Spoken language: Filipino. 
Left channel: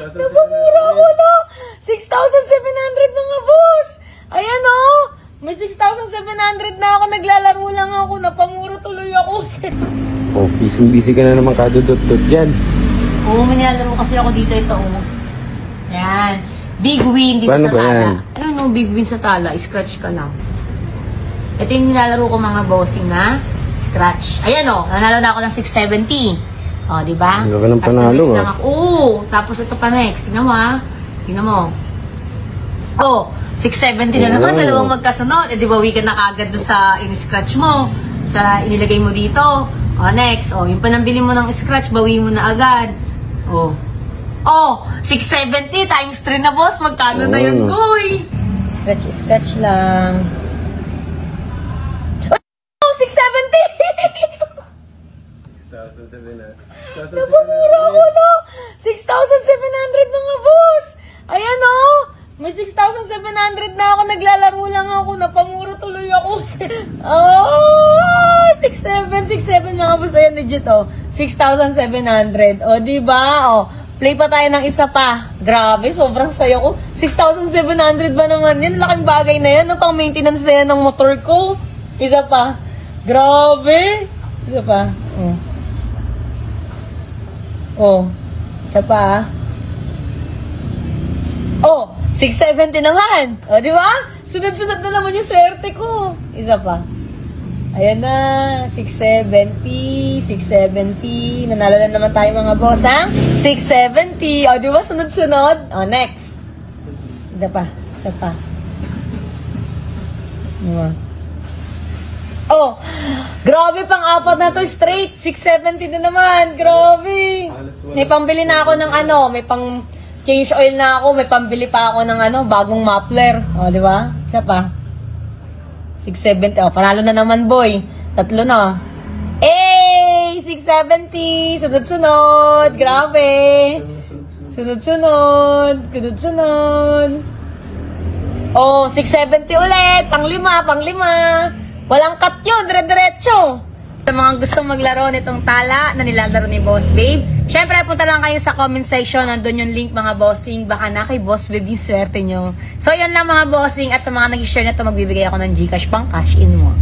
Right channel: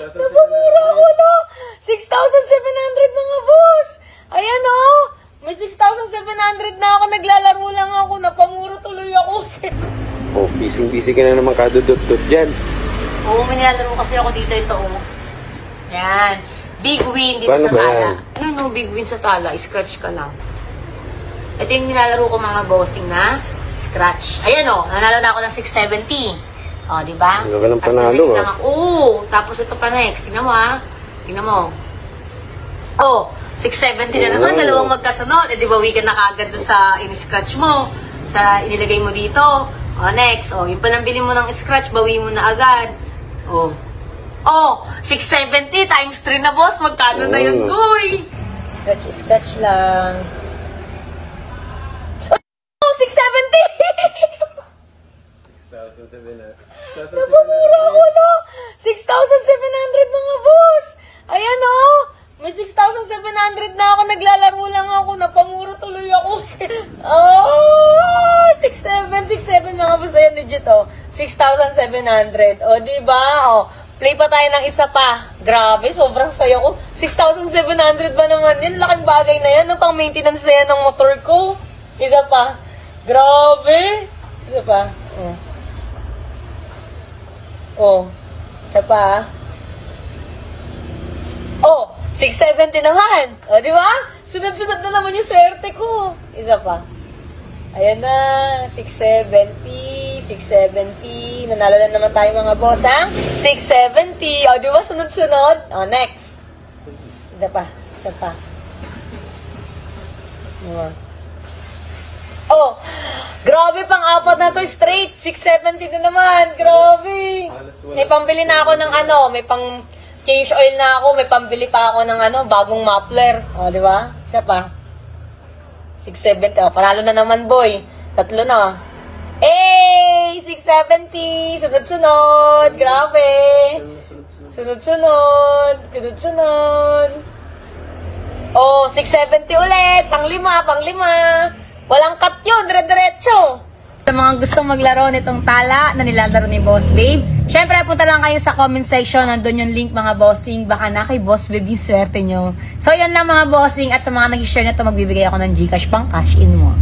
Napamura ako na. 6,700 na nga, boss. Ayan o. May 6,700 na ako. Naglalaro lang ako. Napamura tuloy ako. Busy ka lang makadudot-dot yan. Oo, may nilalaro kasi ako dito. Ito ko. Yan. Big win dito sa tala. Ano no, big win sa tala. Scratch ka na. Ito yung nilalaro ko mga bossing na scratch. Ayan o. Nanalo na ako ng 670. O, diba? Tapos next lang ako. Tapos ito pa next. Tingnan mo ha. Tingnan mo. Oh, 670 na naman. Dalawang magkasunod. Eh, di bawi ka na kagad doon sa in-scratch mo. Sa nilagay mo dito. O, next. O, yung panambili mo ng scratch, bawi mo na agad. O. Oh, 670 times 3 na, boss. Magkano na yun, uy? Scratch lang. Oh, 670! Napamura ako na. 6,700 na nga, boss. Ayan o. May 6,700 na ako. Naglalaro lang ako. Napamura tuloy ako. 6,700 na ako. Ayan, legit o. 6,700. O, diba? O, play pa tayo ng isa pa. Grabe, sobrang saya ko. 6,700 ba naman yan? Laking bagay na yan. Pang maintenance na yan ng motor ko. Isa pa. Grabe. Isa pa. Oh, isa pa. Oh, 670 naman. O, di ba? Sunod-sunod na naman yung swerte ko. Isa pa. Ayan na, 670, 670. Nanalo na naman tayo mga boss, ha? 670. O, di ba? Sunod-sunod. O, next. Isa pa. Isa pa. Oh, grabe, pang-apat na to straight. 670 na naman. Grabe. May pambili na ako ng ano, may pang change oil na ako, may pambili pa ako ng ano, bagong muffler. O, di ba? Isa pa. 670. O, panalo na naman, boy. Tatlo na. Eh, 670. Sunod-sunod. Grabe. Sunod-sunod. Sunod-sunod. Oh, 670 ulit. Pang-lima. Walang cut yun, dire-diretso. Sa mga gustong maglaro nitong tala na nilalaro ni Boss Babe, syempre punta lang kayo sa comment section, nandun yung link mga bossing, baka na kay Boss Babe yung swerte nyo. So yan lang mga bossing, at sa mga nag-share na ito, magbibigay ako ng GCash pang cash in mo.